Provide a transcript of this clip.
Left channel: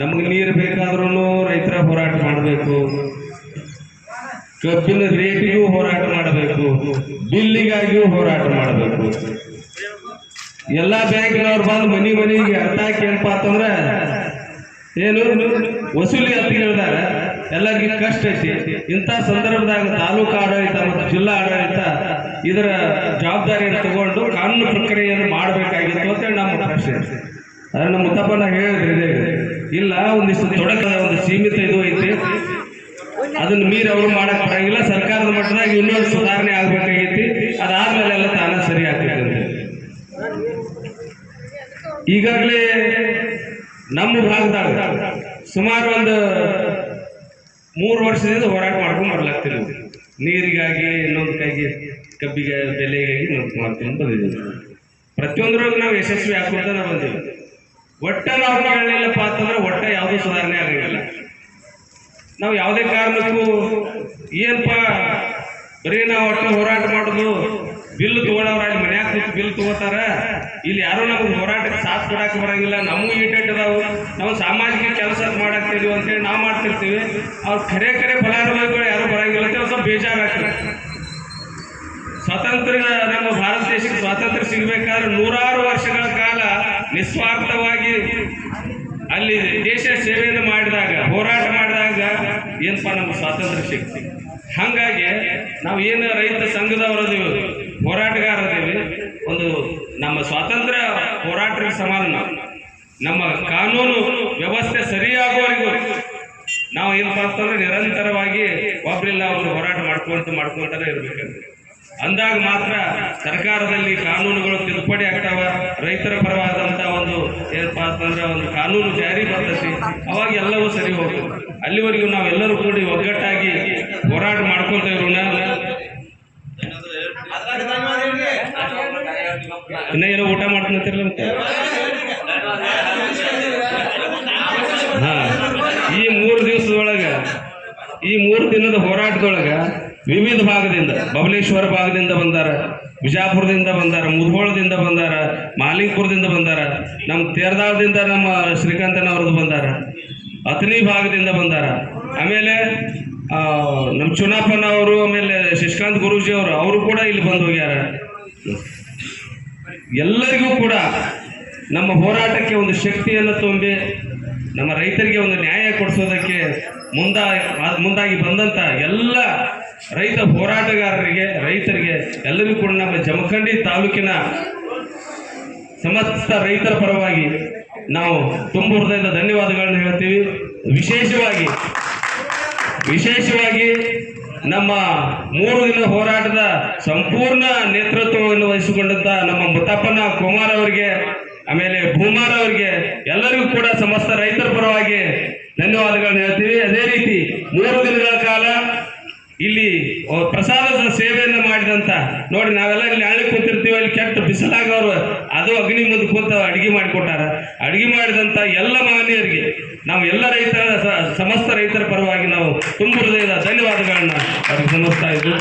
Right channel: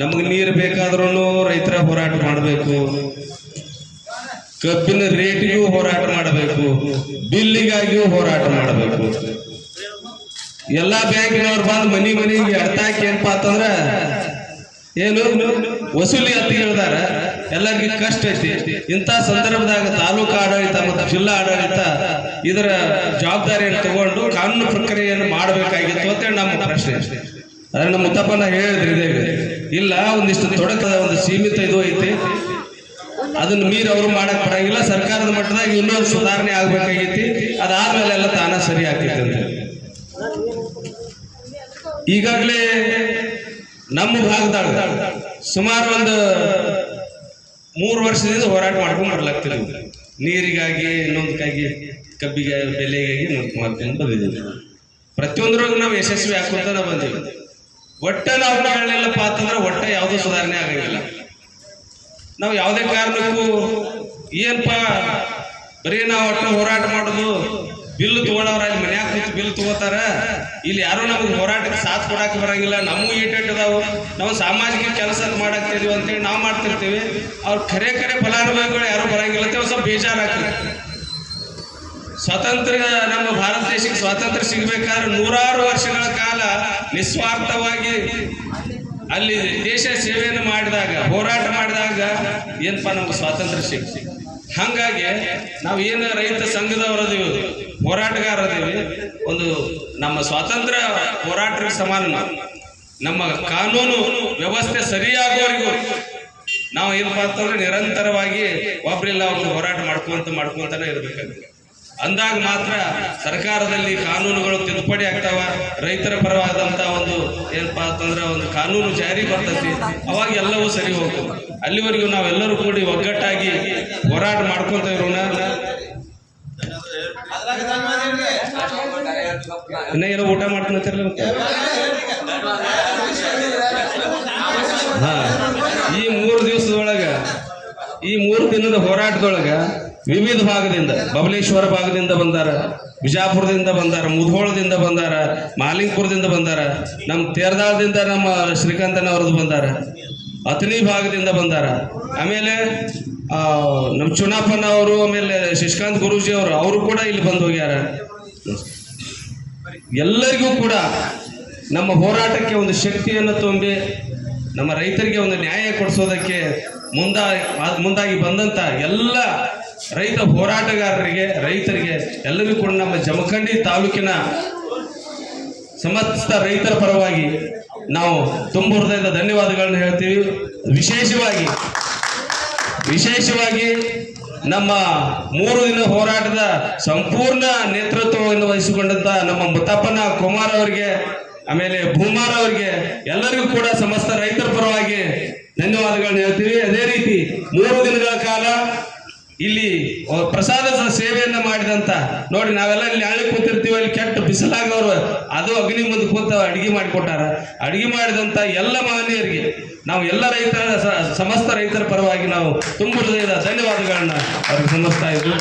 ನಮಗೆ ನೀರು ಬೇಕಾದ್ರೂ ರೈತರ ಹೋರಾಟ ಮಾಡಬೇಕು, ಕಬ್ಬಿನ ರೇಟಿಗೂ ಹೋರಾಟ ಮಾಡಬೇಕು, ಬಿಲ್ಲಿಗಾಗಿಯೂ ಹೋರಾಟ ಮಾಡಬೇಕು. ಎಲ್ಲಾ ಬ್ಯಾಂಕಿನವ್ರು ಬಂದು ಮನಿಗೆ ಅರ್ಥಾಕಿ ಏನಪ್ಪಾ ಅಂತಂದ್ರ ಏನು ವಸೂಲಿ ಅಂತ ಹೇಳ್ದಾರ. ಎಲ್ಲರಿಗೂ ಕಷ್ಟ ಐತಿ. ಇಂಥ ಸಂದರ್ಭದಾಗ ತಾಲೂಕು ಆಡಳಿತ ಮತ್ತು ಜಿಲ್ಲಾ ಆಡಳಿತ ಇದರ ಜವಾಬ್ದಾರಿಯನ್ನು ತಗೊಂಡು ಕಾನೂನು ಪ್ರಕ್ರಿಯೆಯನ್ನು ಮಾಡಬೇಕಾಗಿತ್ತು ಅಂತ ನಮ್ಮ ಪ್ರಶ್ನೆ. ಅದ್ರ ನಮ್ಮ ಮುತ್ತಪ್ಪನ ಹೇಳಿದ್ರಿ ಇಲ್ಲ, ಒಂದಿಷ್ಟು ತೊಡಕದ ಒಂದು ಸೀಮಿತ ಇದು ಐತಿ, ಅದನ್ನ ಮೀರಿ ಅವರು ಮಾಡಕ್ ಬರಂಗಿಲ್ಲ. ಸರ್ಕಾರದ ಮಟ್ಟದಾಗ ಇನ್ನೊಂದು ಸುಧಾರಣೆ ಆಗ್ಬೇಕಾಗೈತಿ, ಅದಾದ್ಮೇಲೆ ಎಲ್ಲ ತಾನ ಸರಿ ಆಗ್ತೈತಿ ಅಂತ. ಈಗಾಗಲೇ ನಮ್ಮ ಭಾಗದಾಗ ಸುಮಾರು ಒಂದು 3 ವರ್ಷದಿಂದ ಹೋರಾಟ ಮಾಡ್ಕೊಂಡು ಬರ್ಲಾಗ್ತಿದ್ವಿ. ನೀರಿಗಾಗಿ, ಇನ್ನೊಂದಕ್ಕಾಗಿ, ಕಬ್ಬಿಗೆ ಬೆಲೆಗಾಗಿ ಮಾಡ್ಕೊಂಡು ಬಂದಿದ್ದೀವಿ. ಪ್ರತಿಯೊಂದ್ರೊಳಗೆ ನಾವು ಯಶಸ್ವಿ ಹಾಕೊಂತ ಬಂದೀವಿ. ಒಟ್ಟ ನಾವು ಹೇಳಲಿಲ್ಲಪ್ಪ ಅಂತಂದ್ರೆ ಒಟ್ಟ ಯಾವುದೂ ಸುಧಾರಣೆ ಆಗಿರಲಿಲ್ಲ. ನಾವು ಯಾವುದೇ ಕಾರಣಕ್ಕೂ ಏನಪ್ಪ ಬರೀ ನಾವು ಒಟ್ಟು ಹೋರಾಟ ಮಾಡೋದು, ಬಿಲ್ ತಗೊಳ್ಳೋರು ಅಲ್ಲಿ ಮನ್ಯಾಗ ಕೂತು ಬಿಲ್ ತಗೋತಾರ, ಇಲ್ಲಿ ಯಾರು ನಮಗೆ ಹೋರಾಟಕ್ಕೆ ಸಾಥ್ ಕೊಡಕ್ಕೆ ಬರಂಗಿಲ್ಲ, ನಮಗೂ ಈಟದಾವು, ನಾವು ಸಾಮಾಜಿಕ ಕೆಲಸ ಮಾಡಾಕ್ತಿದ್ವಿ ಅಂತೇಳಿ ನಾವು ಮಾಡ್ತಿರ್ತೀವಿ. ಅವ್ರು ಖರೆ ಫಲಾನುಭವಿಗಳು ಯಾರು ಬರಂಗಿಲ್ಲ ಅಂತ ಸ್ವಲ್ಪ ಬೇಜಾರಾಗ್ತದೆ. ಸ್ವಾತಂತ್ರ್ಯ, ನಮ್ಮ ಭಾರತ ದೇಶಕ್ಕೆ ಸ್ವಾತಂತ್ರ್ಯ ಸಿಗಬೇಕಾದ್ರೆ 100 ವರ್ಷಗಳ ಕಾಲ ನಿಸ್ವಾರ್ಥವಾಗಿ ಅಲ್ಲಿ ದೇಶ ಸೇವೆಯನ್ನು ಮಾಡಿದಾಗ, ಹೋರಾಟ ಮಾಡಿದಾಗ ಏನಪ್ಪ ನಮ್ಗೆ ಸ್ವಾತಂತ್ರ್ಯ ಸಿಗ್ತಿ. ಹಾಗಾಗಿ ನಾವು ಏನು ರೈತ ಸಂಘದವರದೀವಿ, ಹೋರಾಟಗಾರದೀವಿ, ಒಂದು ನಮ್ಮ ಸ್ವಾತಂತ್ರ್ಯ ಹೋರಾಟಕ್ಕೆ ಸಮಾನ. ನಮ್ಮ ಕಾನೂನು ವ್ಯವಸ್ಥೆ ಸರಿಯಾಗುವವರೆಗೂ ನಾವು ಏನಪ್ಪ ಅಂತಂದ್ರೆ ನಿರಂತರವಾಗಿ ಒಬ್ಬರಿಲ್ಲ ಒಂದು ಹೋರಾಟ ಮಾಡ್ಕೊಂತಾನೆ ಇರ್ಬೇಕಂತ. ಅಂದಾಗ ಮಾತ್ರ ಸರ್ಕಾರದಲ್ಲಿ ಕಾನೂನುಗಳು ತಿದ್ದುಪಡಿ ಆಗ್ತಾವ, ರೈತರ ಪರವಾದಂತ ಒಂದು ಏನಪ್ಪಾ ಅಂತಂದ್ರೆ ಒಂದು ಕಾನೂನು ಜಾರಿ ಬರ್ತೈತಿ, ಅವಾಗ ಎಲ್ಲವೂ ಸರಿ ಹೋಗ್ತದೆ. ಅಲ್ಲಿವರೆಗೂ ನಾವೆಲ್ಲರೂ ಕೂಡಿ ಒಗ್ಗಟ್ಟಾಗಿ ಹೋರಾಟ ಮಾಡ್ಕೊಂತ ಇರೋಣ. ಇನ್ನ ಏನೋ ಊಟ ಮಾಡ್ಕೊಂತಿರಲ್ಲ. ಹಾ, ಈ 3 ದಿವಸದೊಳಗ, ಈ 3 ದಿನದ ಹೋರಾಟದೊಳಗ ವಿವಿಧ ಭಾಗದಿಂದ, ಬಬಲೇಶ್ವರ ಭಾಗದಿಂದ ಬಂದಾರ, ಬಿಜಾಪುರದಿಂದ ಬಂದಾರ, ಮುಧೋಳದಿಂದ ಬಂದಾರ, ಮಾಲಿಂಗಪುರದಿಂದ ಬಂದಾರ, ನಮ್ಮ ತೇರದಾಳದಿಂದ ನಮ್ಮ ಶ್ರೀಕಾಂತನವ್ರದ್ದು ಬಂದಾರ, ಅಥಣಿ ಭಾಗದಿಂದ ಬಂದಾರ, ಆಮೇಲೆ ನಮ್ಮ ಚುನಾಪನ ಅವರು, ಆಮೇಲೆ ಶಶಿಕಾಂತ್ ಗುರೂಜಿ ಅವರು ಕೂಡ ಇಲ್ಲಿ ಬಂದು ಹೋಗ್ಯಾರ. ಎಲ್ಲರಿಗೂ ಕೂಡ ನಮ್ಮ ಹೋರಾಟಕ್ಕೆ ಒಂದು ಶಕ್ತಿಯನ್ನು ತುಂಬಿ ನಮ್ಮ ರೈತರಿಗೆ ಒಂದು ನ್ಯಾಯ ಕೊಡಿಸೋದಕ್ಕೆ ಮುಂದಾಗಿ ಬಂದಂತ ಎಲ್ಲ ರೈತ ಹೋರಾಟಗಾರರಿಗೆ, ರೈತರಿಗೆ ಎಲ್ಲರಿಗೂ ಕೂಡ ನಮ್ಮ ಜಮಖಂಡಿ ತಾಲೂಕಿನ ಸಮಸ್ತ ರೈತರ ಪರವಾಗಿ ನಾವು ತುಂಬ ಹೃದಯದ ಧನ್ಯವಾದಗಳನ್ನು ಹೇಳ್ತೀವಿ. ವಿಶೇಷವಾಗಿ ನಮ್ಮ 3 ದಿನ ಹೋರಾಟದ ಸಂಪೂರ್ಣ ನೇತೃತ್ವವನ್ನು ವಹಿಸಿಕೊಂಡಂತ ನಮ್ಮ ಮುತ್ತಪ್ಪನ ಕುಮಾರ್ ಅವರಿಗೆ, ಆಮೇಲೆ ಭೂಮಾರ್ ಅವರಿಗೆ, ಎಲ್ಲರಿಗೂ ಕೂಡ ಸಮಸ್ತ ರೈತರ ಪರವಾಗಿ ಧನ್ಯವಾದಗಳನ್ನು ಹೇಳ್ತೀವಿ. ಅದೇ ರೀತಿ 3 ದಿನಗಳ ಕಾಲ ಇಲ್ಲಿ ಪ್ರಸಾದದ ಸೇವೆಯನ್ನ ಮಾಡಿದಂತ, ನೋಡಿ ನಾವೆಲ್ಲ ಇಲ್ಲಿ ನಾಳೆ ಕೂತಿರ್ತೀವಿ, ಅಲ್ಲಿ ಕೆಟ್ಟ ಬಿಸಿಲಾಗವರು ಅದು ಅಗ್ನಿ ಮುಂದೆ ಕೂತ ಅಡಿಗೆ ಮಾಡಿಕೊಟ್ಟಾರ. ಅಡಿಗೆ ಮಾಡಿದಂತ ಎಲ್ಲ ಮಹನೀಯರಿಗೆ ನಾವು ಎಲ್ಲ ಸಮಸ್ತ ರೈತರ ಪರವಾಗಿ ನಾವು ತುಂಬ ಹೃದಯದ ಧನ್ಯವಾದಗಳನ್ನ ಅವ್ರಿಗೆ ಸಲ್ಲಿಸ್ತಾ ಇದ್ವಿ.